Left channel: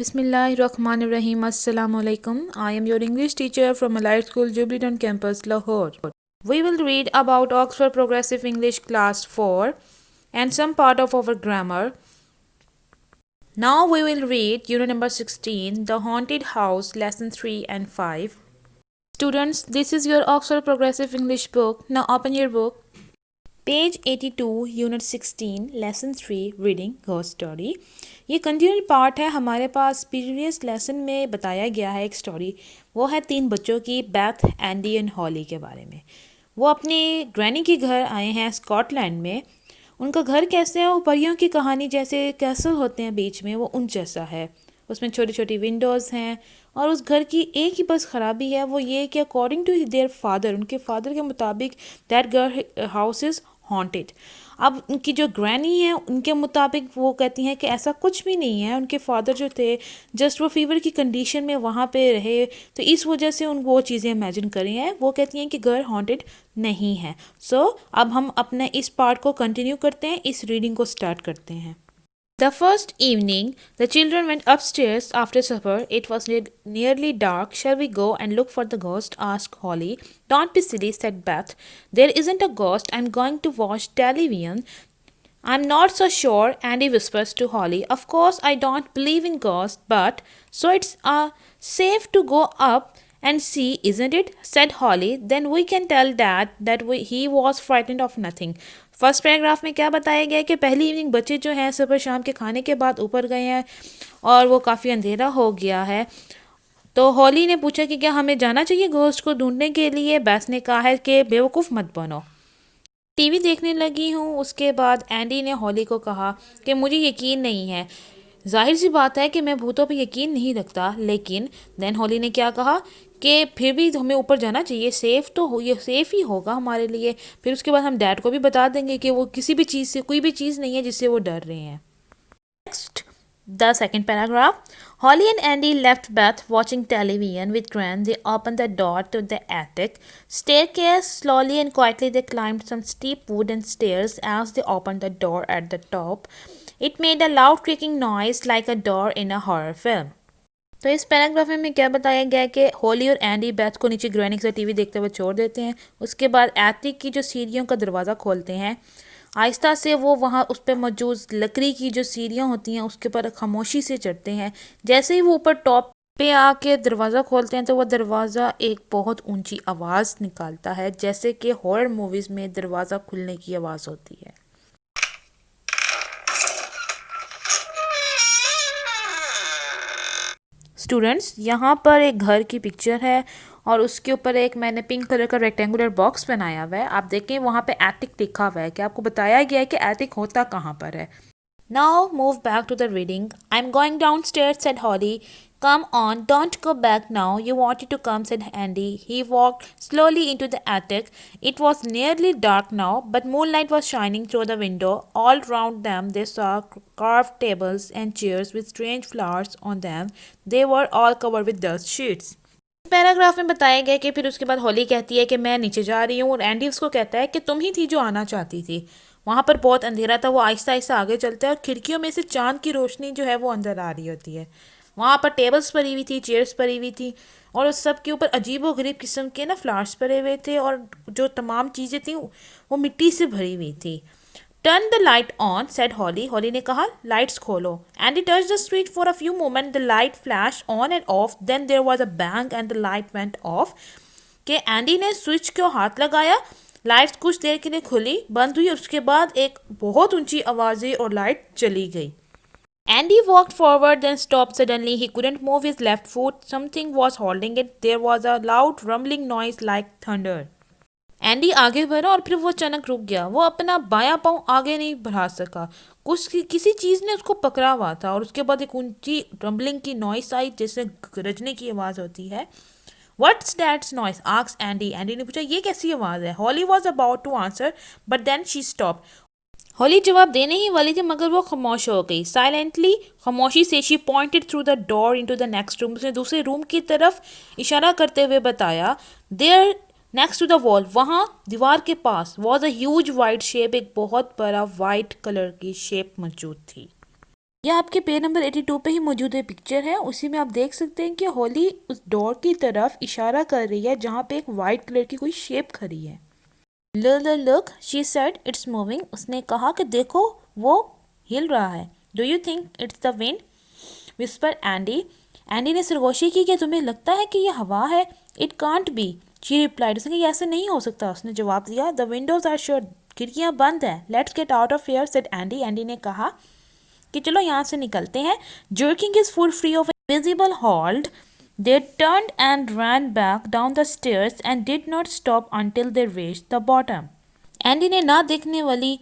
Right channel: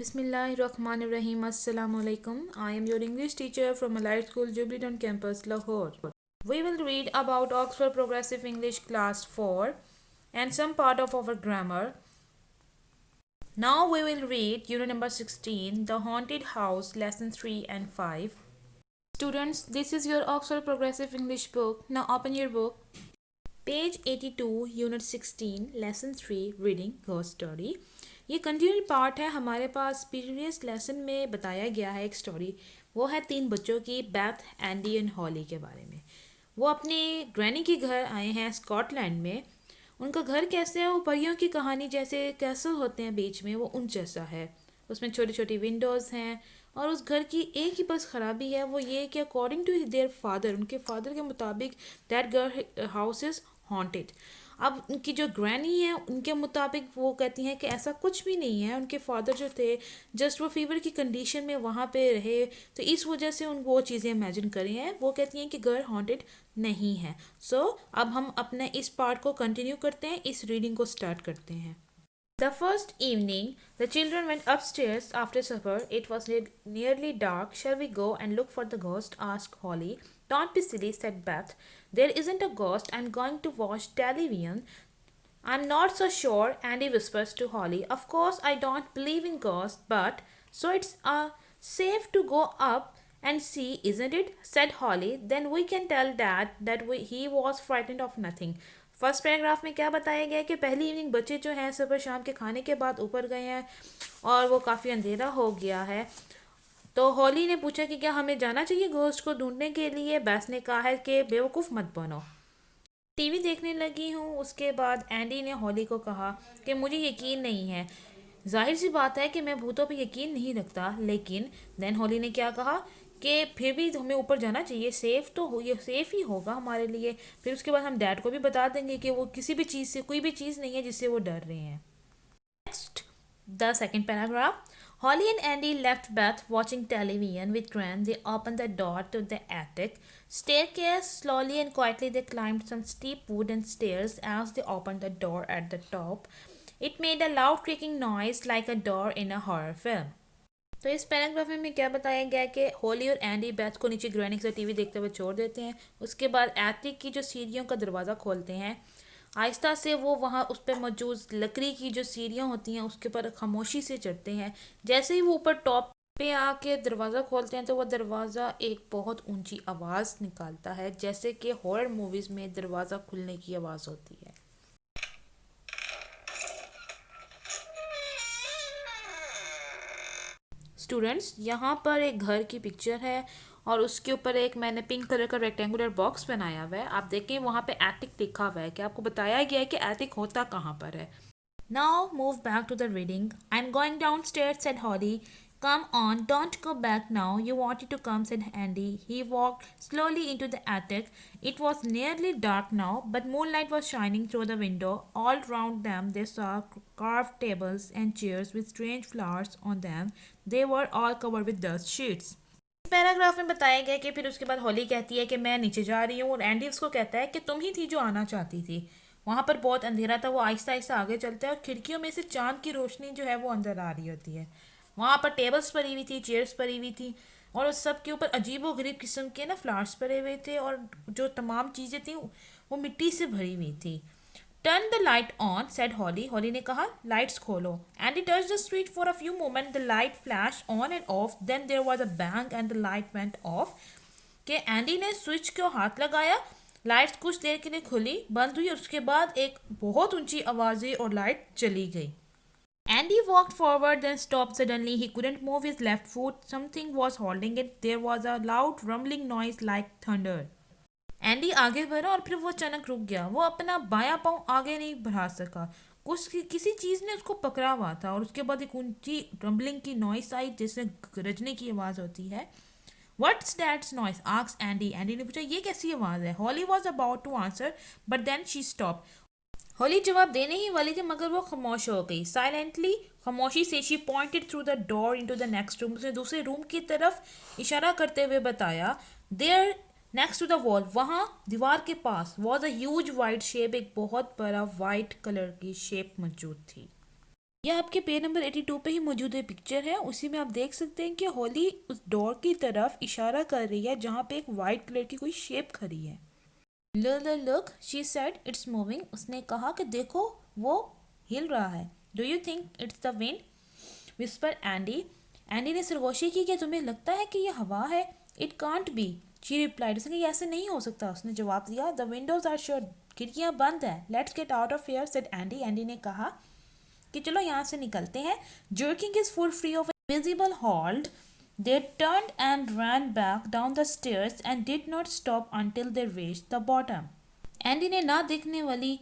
Bismillahirrahmanirrahim. Assalamu alaikum. I am your English teacher from Allied School, Jubilee Campus, Lahore. We will read about Oxford Progressive English Class 4 and some part of our grammar. Now we will read Unit number 16, The Haunted House, Lesson 3 and 5. Students, this is your Oxford Progressive English book. Now open your book. Page 82 unit 16 lesson 3 reading ghost story. ये continued part है। हमारे पास previous lesson में बताया गया है एक story, वो है 3 बच्चों की, बेथ, एंडी एंड हॉली के बारे में। वो अपने ग्रैनी के घर आए हैं स्कॉटलैंड में। उनका घर कैसे है, वो परियों की कहानी जैसे कैसल होते हैं बीच में, वो उन जैसा है। उसमें छोटी छोटी विंडोज़ हैं और उस घर की एक ही बस ख़राबी है, वो ये कि अकॉर्डिंग टू देयर फादर, उनके फादर के मुताबिक दैट घर हाउस इज़ हॉन्टेड। अब उनकी जो ग्रैनी है उनके मुताबिक वो कहती हैं कि ऐसा कुछ भी नहीं है। उनके फादर जो थे जस्ट वो फीवर की कंडीशन में वहाँ पे रहे, तो इस वजह से उन वो चीज़ें इमेजिन करी हैं। वो कहती हैं कि घर हॉन्टेड नहीं है। सो अब हम अपने इस पार्ट को कंटिन्यू करते हैं, इस रीडिंग को स्टार्ट करते हैं। The first evening, the children went upstairs after supper. It was nearly dark. Shall we go and look for the ghost? Asked Holly. Don't be silly, said Beth. There isn't a ghost. I'm going to watch television. I'm not so sure, Andy whispers to Holly. Of course, I don't believe in ghosts, but so it's safe to go up and see, isn't it? Said Holly. Then we can tell Dad that he was frightened of nothing. First paragraph में क्या बताया गया है कि पहली evening बच्चे जो हैं सुबह शाम के खाने के बाद ऊपर गए हैं और वो काफ़ी अंधेरा हो गया है। तो हॉली ने पूछा कि क्या हमें जाना चाहिए घोस्ट को ढूंढने के लिए। बैस ने कहा है कि बेवकूफ़ मत बनो, टीवी देखने लगी हूँ। उसके बाद एंडी ने हॉली को कहा कि मुझे यकीन नहीं है। जाहिर सी बात है कि मैं भूतों पर यकीन नहीं रखता, लेकिन देन हॉली ने क्या कहा कि फिर भी हमें ऊपर जाना चाहिए, सेफ़ तो हो, ये सेफ़ ही होगा हमारे लिए। फिर उसके बाद हम डैड को भी बता देंगे कि वो किसी भी चीज़ से, कोई भी चीज़ नहीं है जिससे वो डर रहे हैं। Next, the second paragraph. Holly and Andy left Beth watching television with Gran. They opened the door to the attic staircase. Slowly and quietly they climbed some steep wooden stairs. As they opened the door at the top, it made a loud creaking noise like a door in a horror film. तो इस paragraph में क्या बताया गया है कि हॉली और Andy Beth को नीचे ग्रैनी के साथ टीवी देखते हुए छोड़ देते हैं। उसके बाद एटिक की जो सीढ़ियों का दरवाज़ा खोलते हैं। आहिस्ता से वो वहाँ उस पर मौजूद लकड़ी की जो सीढ़ियाँ होती हैं उसके ऊपर खामोशी से चढ़ते हैं। जैसे ही वो ऊपर टॉप पे आके दरवाज़ा खोलते हैं तो वो दरवाज़ा एक बहुत ऊंची आवाज़ निकालता है, जैसे कि हॉरर मूवीज़ में दरवाज़ा खुलने की आवाज़ होती है। स्टूडेंट्स, यहाँ पर एक घर की पिक्चर है और उसके ऊपर एक मैंने पिंक कलर का रेक्टेंगुलर बॉक्स बनाया हुआ है। आप देखें वहाँ पे एटिक लिखा हुआ है कि आपको बताया गया है कि एटिक होता कहाँ पर है। Now move back to the reading. I'm going downstairs, said Holly. Come on, don't go back now. You wanted to come, said Andy. He walked slowly into the attic. It was nearly dark now, but moonlight was shining through the window. All round them they saw carved tables and chairs with strange flowers on them. They were all covered with dust sheets. Paragraph में बताया गया कि फिर उसके बाद हॉली कहती है कि मैं नीचे जा रही हूँ और एंडी उसको कहता है कि तुम ही थी जो आना चाहती थी। वहाँ पर बहुत अंधेरा था। वो आहिस्ता आहिस्ता आगे चलता है और खिड़कियों में से चांद की रोशनी जो है वो अंदर आ रही होती है। वहाँ पर टेबल्स पड़ी हुई थी, चेयर्स पड़ी हुई थी और उस सब के ऊपर अजीब व गरीब किस्म के ना फ्लावर्स पड़े हुए थे और जो तमाम चीज़ें थी वो मिट्टी से भरी हुई थी। Turn the light on, said Holly. Holly ने कहा लाइट्स खोलो। And he touch the switch for a few moment. The light flash on and off, then there was a bang and the light went off. कि Andy ने switch को हाथ लगाया, lights कुछ देर के लिए खुली, बंद हुई और उसके बाद एक बहुत ऊंची आवाज़ें और लाइट चली गई। Andy walked forward, then stopped suddenly. He couldn't move his left foot. Something was holding it. There was a loud rumbling noise like thunder. Andy आगे बढ़ा और फिर वो अचानक रुक गया। वो अपना बायां पाँव आगे नहीं बढ़ा सका। किसी चीज़ ने उसको पकड़ा हुआ था और उसके बाद एक ऊंची रंबलिंग की नॉइस आई, जैसे गरजने की आवाज़ होती है। What's that noise? asked Andy. Andy ने पूछा ये कैसी आवाज़ है? Holly was about to answer, but then she stopped. हॉली जवाब देने ही वाली थी मगर वो खामोश हो गई। साइलेंटली, खामोशी से she pointed through the door into the next room. उसने दूसरे रूम की तरफ इशारा करते हुए बताया। There next to the wall, वहाँ दीवार के पास, was a huge white shape, एक बहुत बड़ा वाइट कलर की शेप मौजूद थी। यह आपके पेज नंबर 82 पे ही मौजूद है पिक्चर है। उसी में आप देख सकते हैं कि हॉली उस डोर की तरफ इशारा कर रही है जहाँ पे एक वाइट कलर की कोई शेप खड़ी है। Look she said it's moving. उसने कहा कि देखो वो हिल रहा है। Do you think it's the wind whisper Andy. Andy ने सरगोशी की कि तुम्हें लगता है कि यह हवा है। It can't be she replied. उसने कहा ऐसे नहीं हो सकता। उसने जवाब दिया द विंडोज आर शट। खिड़कियाँ बंद हैं। Let's get out of here said Andy. Andy ने कहा कि चलो यहाँ से निकलते हैं। Jerking his foot free of invisible hold they turned and ran back down the stairs and did not stop until they reached the bottom. Andy ने ना देखने वाली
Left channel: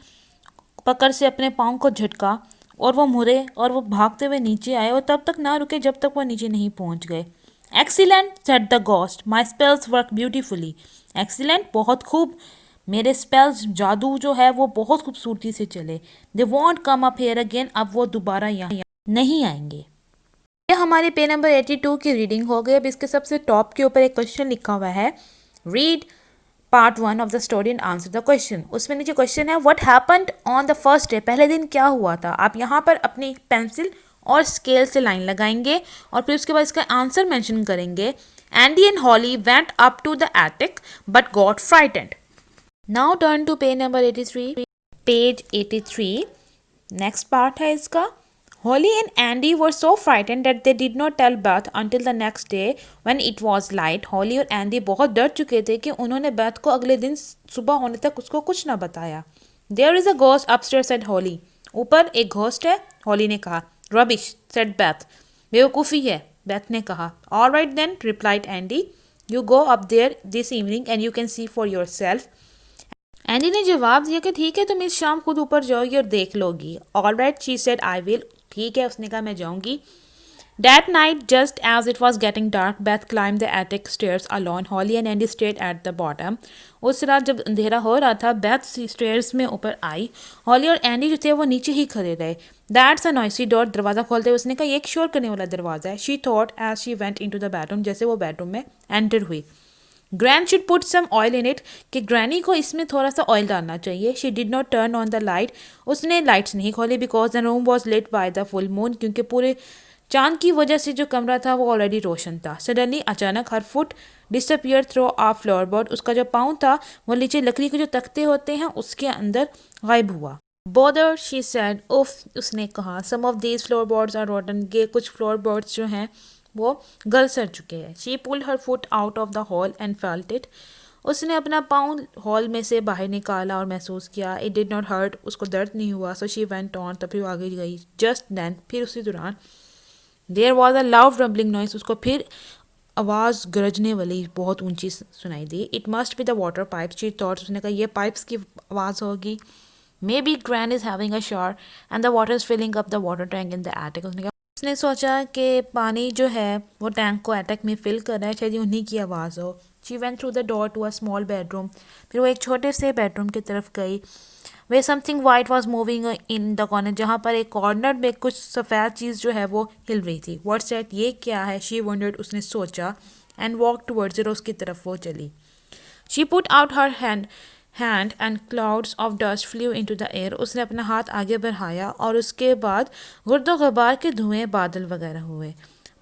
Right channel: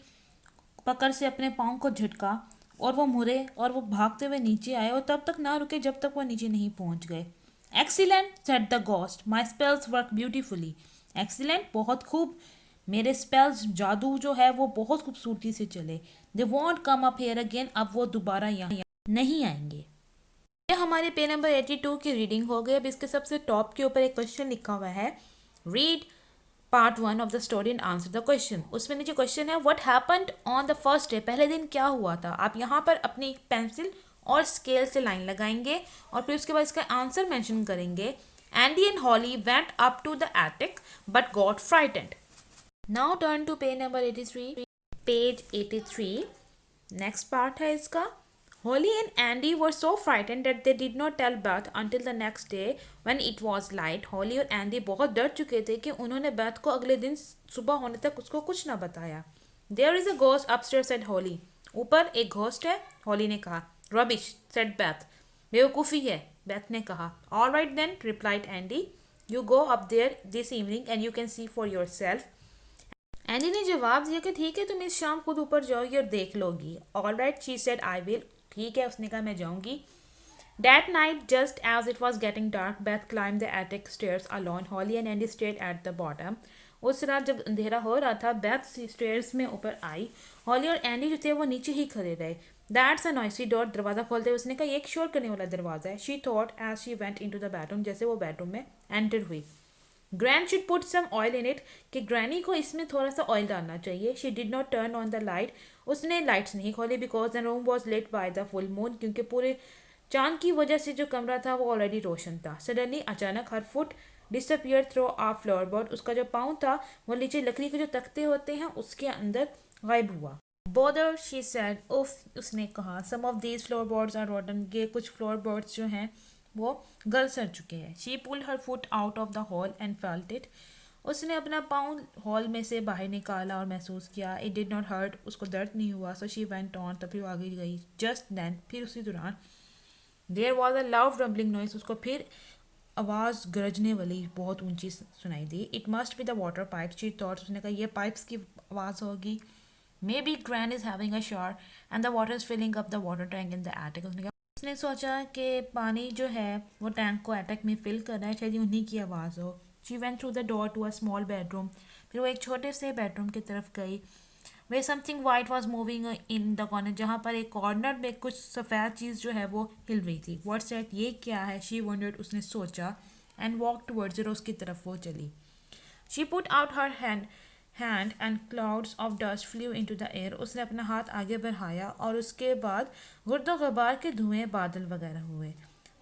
पकड़ से अपने पाँव को झटका और वो मुड़े और वो भागते हुए नीचे आए और तब तक ना रुके जब तक वो नीचे नहीं पहुंच गए। Excellent said the ghost my spells work beautifully. Excellent बहुत खूब, मेरे स्पेल्स जादू जो है वो बहुत खूबसूरती से चले। They want come up here again. अब वो दोबारा यहाँ नहीं आएंगे। यह हमारे पेज नंबर 82 की रीडिंग हो गई। अब इसके सबसे टॉप के ऊपर एक क्वेश्चन लिखा हुआ है read part 1 of the story and answer the question. उसमें नीचे क्वेश्चन है what happened on the first day. पहले दिन क्या हुआ था। आप यहाँ पर अपनी पेंसिल और स्केल से लाइन लगाएंगे और फिर उसके बाद इसका आंसर मेंशन करेंगे। Andy and Holly went up to the attic but got frightened. Now turn to page number 83। Page 83 next part है इसका। Holly and Andy were so frightened that they did not tell Beth until the next day when it was light. Holly और Andy बहुत डर चुके थे कि उन्होंने Beth को अगले दिन सुबह होने तक उसको कुछ ना बताया। There is a ghost upstairs said Holly. ऊपर एक घोस्ट है, Holly ने कहा। Rubbish said Beth. बेवकूफ़ी है, Beth ने कहा। All right then replied Andy. You go up there this evening and you can see for yourself. Andy ने जवाब दिया कि ठीक है तुम इस शाम खुद ऊपर जाओगी और देख लोगी। All right she said I will. ठीक है उसने कहा मैं जाऊंगी। That night, just as it was getting dark, Beth climbed the attic stairs alone. Holly and Andy stayed at the bottom. उस रात जब अंधेरा हो रहा था बेथ स्टेयर्स में ऊपर आई। हॉली और एंडी जो थे वो नीचे ही खड़े रहे। That's a noisy door. दरवाज़ा खोलते हुए उसने कहा ये एक शोर करने वाला दरवाज़ा है। She thought as she went into the bedroom. जैसे वो बेडरूम में एंटर हुई। Grand should put some oil in it. कि ग्रैनी को इसमें थोड़ा सा ऑयल डालना चाहिए। She did not turn on the light. उसने लाइट्स नहीं खोली because the room was lit by the full moon. क्योंकि पूरे चांद की वजह से जो कमरा था वो ऑलरेडी रोशन था। सडनली अचानक हर फुट डिसअपियर थ्रो आ फ्लोरबोर्ड। उसका जो पाँव था वो नीचे लकड़ी के जो तख्ते होते हैं उसके अंदर गायब हुआ। बोदर शी सेड उफ उसने कहा। सम ऑफ दीज फ्लोरबोर्ड्स आर रोटन। के कुछ फ्लोरबोर्ड्स जो हैं वो गल सड़ चुके हैं। She pulled her foot out of the hall and felt it. उसने अपना पाँव हॉल में से बाहर निकाला और महसूस किया। It did not hurt. उसको दर्द नहीं हुआ। So she went on. तब फिर आगे गई। जस्ट देन फिर उसी दौरान there was a loud rumbling noise. उसको फिर आवाज़ गरजने वाली बहुत ऊंची सुनाई दी। It must be the water pipe she thought. उसने कहा ये पाइप्स की आवाज़ होगी। Maybe grand is having a shower and the water is filling up the water tank in the attic. उसने सोचा कि पानी जो है वो टैंक को एटक में फिल कर रहा है। शायद उन्हीं की आवाज़ हो। She went through the door to a small bedroom. फिर वो एक छोटे से बेडरूम की तरफ गई। Where something white was moving in the corner. जहाँ पर एक कॉर्नर में कुछ सफ़ेद चीज़ जो है वो हिल रही थी। व्हाट्स दैट ये क्या है। शी वंडर्ड उसने सोचा एंड वॉक टूवर्ड्स इट। उसकी तरफ वो चली। She put out her hand and clouds of dust flu into the air. उसने अपना हाथ आगे बढ़ाया और उसके बाद गुर्दो गुबार के धुएं बादल वगैरह हुए।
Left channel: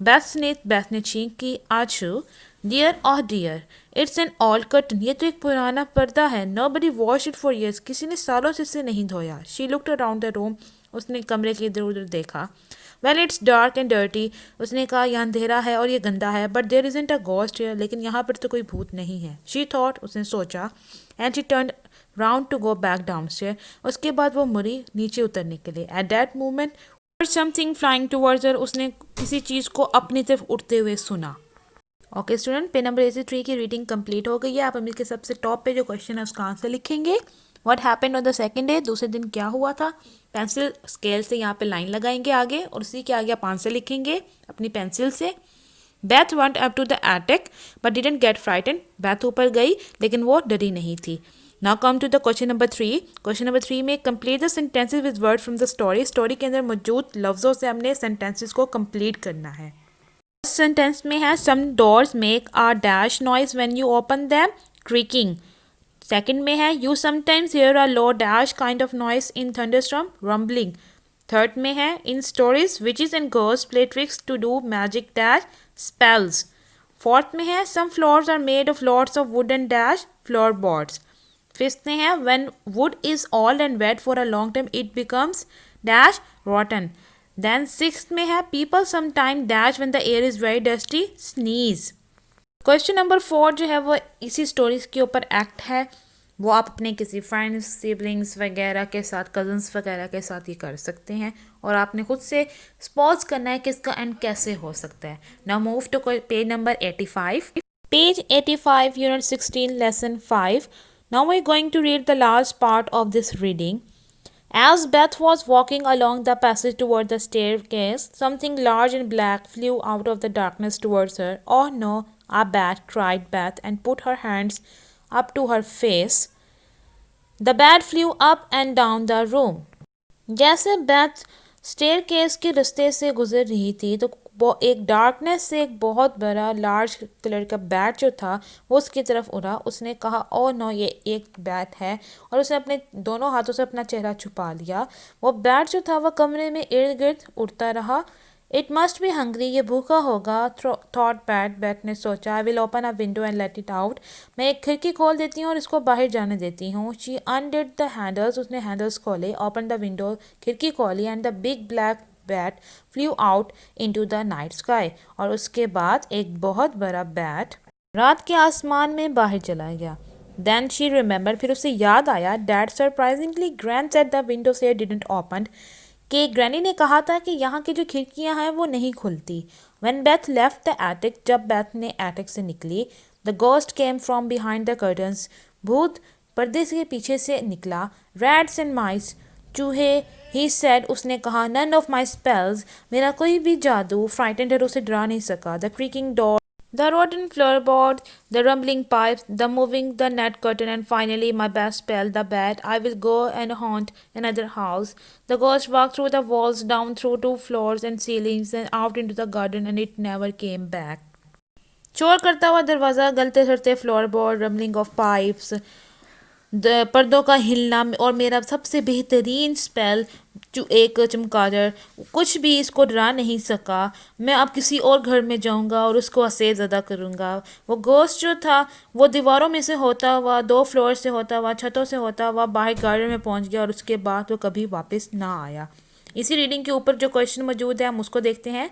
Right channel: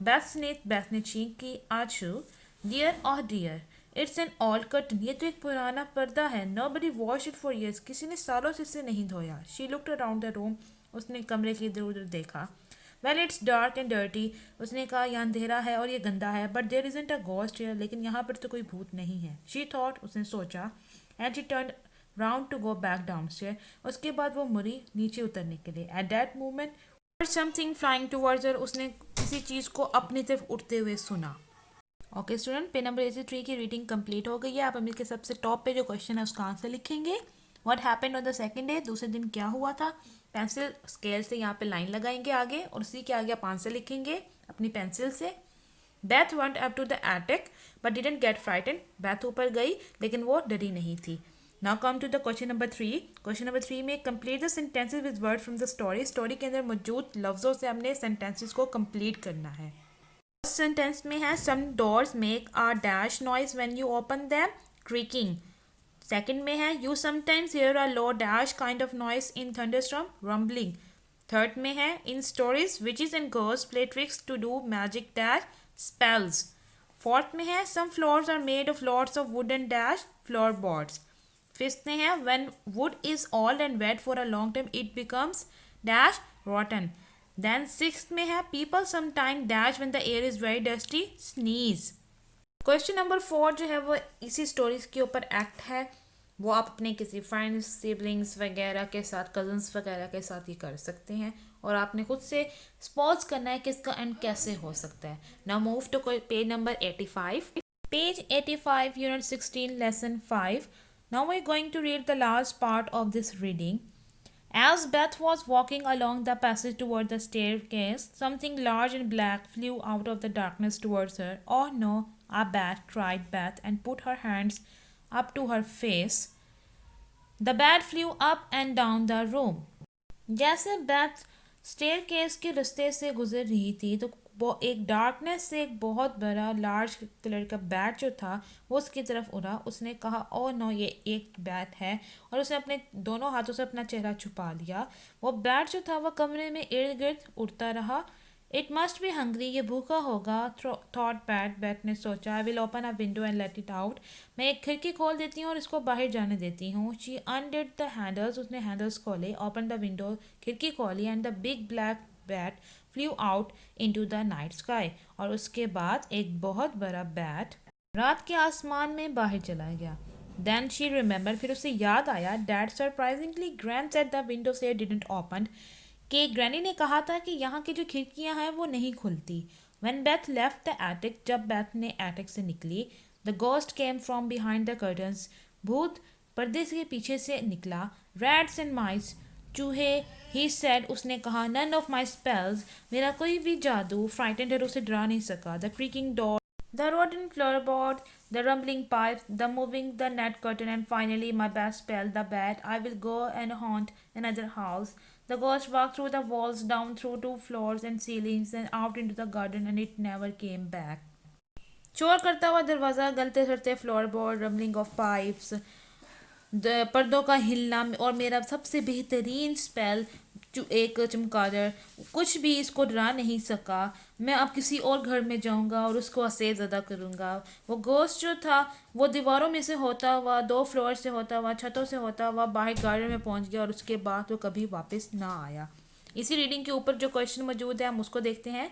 बेथ ने चीख की आशू डियर और dear it's an old curtain. ये तो एक पुराना पर्दा है। Nobody wash it for years. किसी ने सालों से इसे नहीं धोया। She looked around the room. उसने कमरे के इधर उधर देखा। Well it's dark and dirty. उसने कहा यहाँ अंधेरा है और ये गंदा है। But there isn't a ghost here. लेकिन यहाँ पर तो कोई भूत नहीं है। शी थॉट उसने सोचा and she turn round to go back downstairs. उसके बाद वो मुड़ी नीचे उतरने के लिए। At that moment something flying towards her. उसने किसी चीज़ को अपनी तरफ उड़ते हुए सुना। ओके स्टूडेंट पे नंबर 83 की रीडिंग कंप्लीट हो गई है। आप अमीर के सबसे टॉप पे जो क्वेश्चन है उसका आंसर लिखेंगे। What happened on the second day. दूसरे दिन क्या हुआ था। पेंसिल स्केल से यहाँ पे लाइन लगाएंगे आगे और उसी के आगे आप आंसर लिखेंगे अपनी पेंसिल से। Beth went up to the attic but didn't get frightened. Beth ऊपर गई लेकिन वो डरी नहीं थी। Now come to the question number 3. Question number 3 में complete the sentences with words from the story. Story के अंदर मौजूद लफ्ज़ों से हमने sentences को complete करना है। फर्स्ट सेंटेंस में है some doors make a dash noise when you open them, creaking. Second में है you sometimes hear a low dash kind of noise in thunderstorm, rumbling. Third में है in stories witches and girls play tricks to do magic dash spells. Fourth में है some floors are made of lots of wood and dash floor boards. Fifth में है when wood is old and wet for a long time it becomes dash rotten. Then sixth में है people some time dash when the air is very dusty sneeze. Question number 4 जो है वो इसी stories के ऊपर एक्ट है। वो आप अपने किसी फ्रेंड्स सिबलिंग्स वगैरह के साथ, कजन्स वगैरह के साथ ये कर सकते हैं और आपने खुद से स्पॉज करना है कि इसका एंड कैसे हो सकता है। Now move to page number 85। Page 85 unit 16 lesson 5। Now we are going to read the last part of this reading. As Beth was walking along the passage toward the staircase, something large and black flew out of the darkness towards her. Oh no, a bat, cried Beth and put her hands up to her face. The bat flew up and down the room. जैसे Beth staircase के रास्ते से गुजर रही थी तो एक darkness से एक बहुत बड़ा लार्ज कलर का बैट जो था वो उसकी तरफ उड़ा। उसने कहा ओ नो, ये एक बैट है, और उसने अपने दोनों हाथों से अपना चेहरा छुपा लिया। वो बैट जो था वह कमरे में इर्द गिर्द उड़ता रहा। इट मस्ट बी हंग्री, ये भूखा होगा, थॉट बैट ने सोचा। I will open a window and let it out, मैं एक खिड़की खोल देती हूँ और इसको बाहर जाने देती हूँ। शी अनडिड द हैंडल्स, उसने हैंडल्स खोले, ओपन द विंडो, खिड़की खोली, and the big black bat flu out into the night sky, और उसके बाद एक बहुत बड़ा बैट रात के आसमान में बाहर चला गया। देन शी रिमेंबर, फिर उसे याद आया, dad surprisingly grand said the window से डिडंट ओपन, कि ग्रैनी ने कहा था कि यहाँ की जो खिड़कियाँ हैं वो नहीं खुलती। When Beth left the attic, जब बेथ ने एटिक से निकली, the ghost came from behind the curtains, भूत पर्दे के पीछे से निकला। Rats and mice, चूहे, he said, उसने कहा, none of my spells, मेरा कोई भी जादू, frightened her, उसे डरा नहीं सका। The creaking door, the rotten floorboard, the rumbling pipes, the moving the net curtain, and finally my best spell, the bat. I will go and haunt another house. The ghost walked through the walls, down through 2 floors and ceilings, and out into the garden, and it never came back. शोर करता हुआ दरवाज़ा, गलते सड़ते फ्लोरबोर्ड, rumbling of pipes, पर्दों का हिलना, और मेरा सबसे बेहतरीन स्पेल एक चमगादड़, कुछ भी इसको डरा नहीं सका। मैं अब किसी और घर में जाऊंगा और उसको असेज अदा करूंगा। वो गोश्त जो था वो दीवारों में से होता हुआ, 2 फ्लोर से होता हुआ, छतों से होता हुआ बाहर गार्डन में पहुंच गया और उसके बाद वो कभी वापस ना आया। इसी रीडिंग के ऊपर जो क्वेश्चन मौजूद है हम उसको देखते हैं।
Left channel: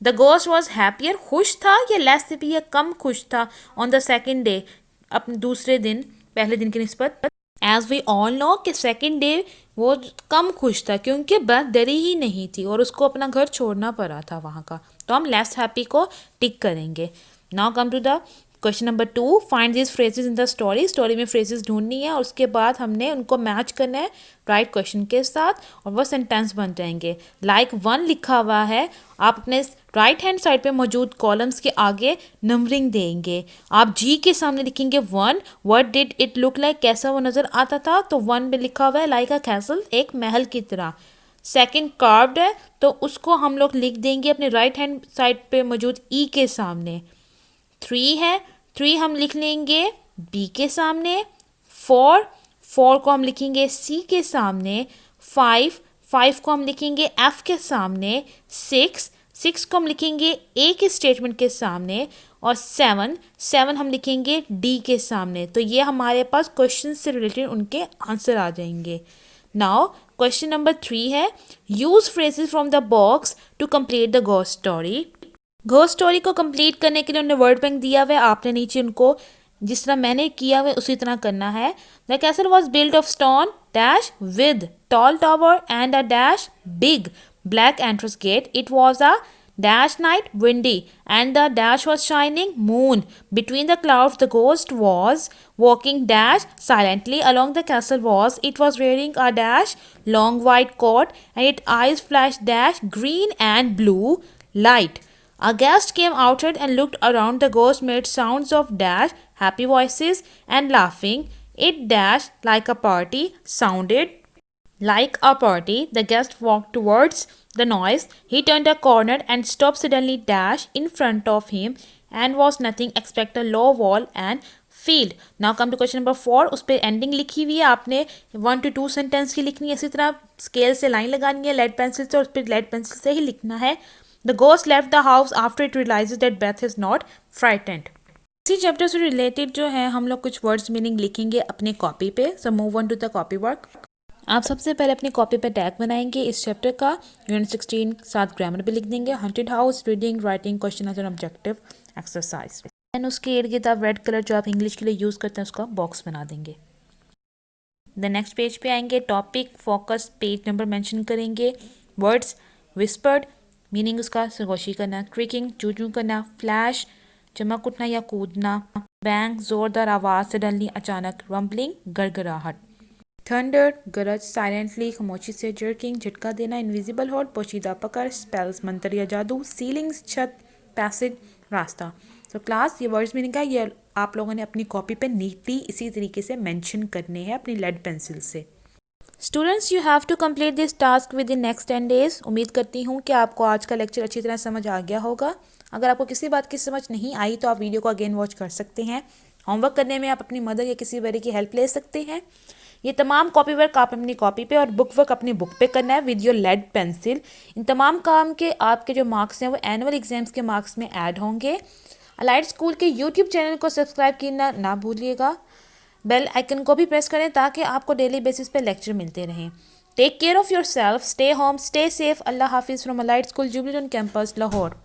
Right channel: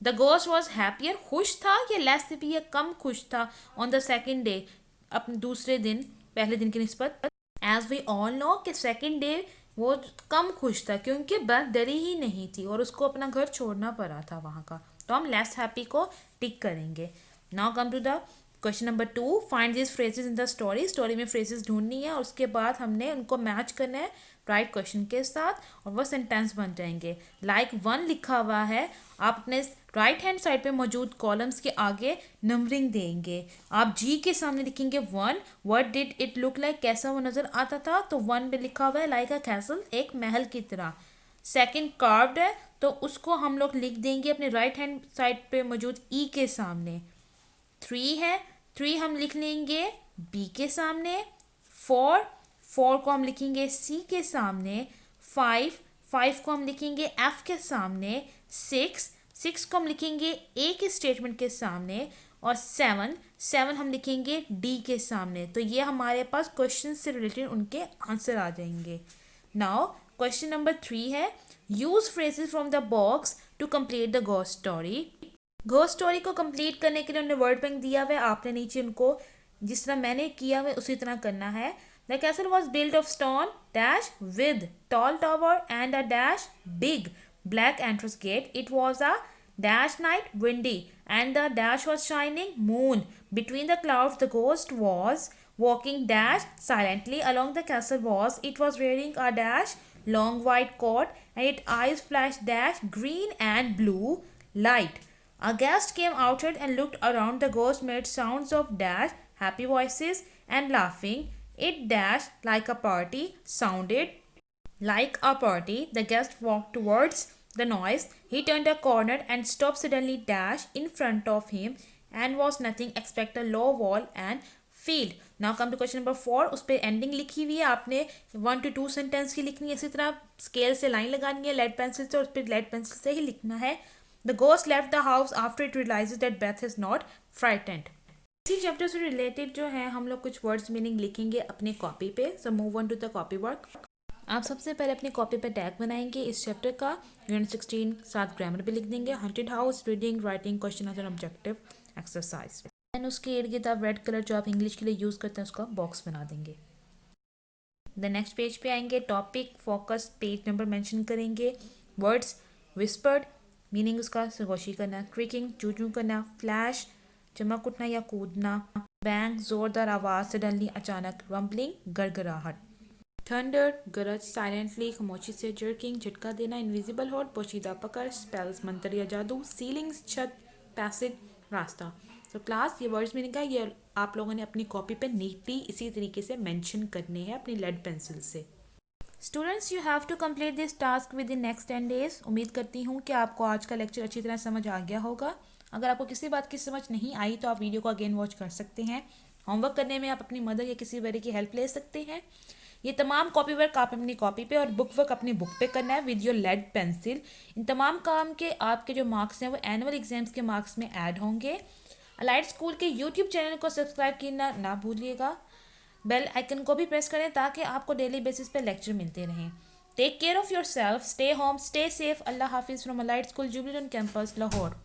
द गोस्ट वॉज हैप्पियर, खुश था या लेस हैप्पी या कम खुश था, ऑन द सेकेंड डे, अपने दूसरे दिन, पहले दिन की निस्बत। एज वी ऑल नो कि सेकेंड डे वो कम खुश था क्योंकि बेथ डरी ही नहीं थी और उसको अपना घर छोड़ना पड़ा था वहाँ का, तो हम लेस हैप्पी को टिक करेंगे। Now come to the question number 2, find this phrases in the story. Story में फ्रेजेस ढूंढनी है और उसके बाद हमने उनको मैच करना है राइट क्वेश्चन के साथ और वो सेंटेंस बन जाएंगे। लाइक 1 लिखा हुआ है, आप अपने राइट हैंड साइड पे मौजूद कॉलम्स के आगे नंबरिंग देंगे। आप जी के सामने लिखेंगे 1, what did it look like, कैसा वो नज़र आता था, तो 1 में लिखा हुआ है लाइक अ कैसल, एक महल की तरह। सेकंड कार्व्ड है तो उसको हम लोग लिख देंगे अपने राइट हैंड साइड पे मौजूद ई के सामने। 3 है, 3 हम लिख लेंगे बी के सामने। 4 को हम लिखेंगे सी के सामने। 5 को हम लिखेंगे एफ के सामने। 6 को हम लिखेंगे ए के स्टेटमेंट के सामने। और 7 हम लिखेंगे डी के सामने। तो ये हमारे पास क्वेश्चन से रिलेटेड उनके आंसर आ जाएंगे। नाउ क्वेश्चन नंबर 3 है, use phrases from the box to complete the ghost story. Ghost story को कंप्लीट करने के लिए उन्होंने वर्ड बैंक दिया हुआ है, आपने नीचे उनको जिस तरह मैंने किया हुआ उसी तरह करना है। The castle was build of stone dash with tall tower and a dash big black entrance gate. It was a dash night windy and the dash was shining moon between the clouds. The ghost was walking dash silently along the castle walls. It was wearing a dash long white coat and its eyes flashed dash green and blue light. A guest came outside and looked around. The ghost made sounds of dash happy voices and laughing. It dash like a party, sounded like a party. The guest walked towards the noise. He turned a corner and stopped suddenly dash in front of him and was nothing except a low wall and field. Now come to question number 4। उस पर ending लिखी हुई है, आपने 1 to 2 sentence की लिखनी है। इसी तरह स्केल से लाइन लगानी है लेड पेंसिल से, और उस पर लेड पेंसिल से ही लिखना है। The ghost left the house after it realises that Beth is not frightened. इसी चैप्टर से रिलेटेड जो है हम लोग कुछ वर्ड्स मीनिंग लिखेंगे अपने कॉपी पे। So move on to the copy work. आप सबसे पहले अपनी कॉपी पे टैग बनाएंगे इस चैप्टर का। यूनिट 16 साथ ग्रामर भी लिख देंगे। Haunted house, reading, writing, question answer, objective, exercise. And उसके इर्द गिर्द आप रेड कलर जो आप इंग्लिश के लिए यूज़ करते हैं उसका बॉक्स बना देंगे। द नेक्स्ट पेज पे आएंगे, topic, focus, page number mention करेंगे। वर्ड्स, विस्पर्ड, मीनिंग उसका सरगोशी करना। क्रिकिंग, चू चू करना। फ्लैश, चमक उठना या कूदना। बैंग, जोरदार आवाज़, सडनली, अचानक। रम्बलिंग, गड़गड़ाहट। थंडर, गरज, साइलेंटली, खामोशी से। जर्किंग, झटका देना। इनविजिबल होल्ड, पोशीदा पकड़। स्पेल्स, मंत्र या जादू। सीलिंग्स, छत। पैसेज, रास्ता। तो क्लास, ये वर्ड्स मीनिंग का ये आप लोगों ने अपनी कॉपी पे नीटली इसी तरीके से मेंशन करने हैं अपनी लेड पेंसिल से। Students, you have to complete this task within next 10 days। उम्मीद करती हूँ कि आपको आज का लेक्चर अच्छी तरह समझ आ गया होगा। अगर आपको किसी बात की समझ नहीं आई तो आप वीडियो को अगेन वॉच कर सकते हैं। होमवर्क करने में आप अपनी मदर या किसी बड़े की हेल्प ले सकते हैं। ये तमाम कॉपी वर्क आप अपनी कॉपी पे और बुक वर्क अपनी बुक पे करना है विद योर लेड पेंसिल। इन तमाम काम के आपके जो मार्क्स हैं वो एनुअल एग्जाम्स के मार्क्स में ऐड होंगे। अलाइड स्कूल के यूट्यूब चैनल को सब्सक्राइब करना ना भूलिएगा। बेल आइकन को भी प्रेस करें ताकि आपको डेली बेसिस पे लेक्चर मिलते रहें। Take care of your self, stay home, stay safe. अल्लाह हाफिज़ from Allied School Jubilee on campus Lahore.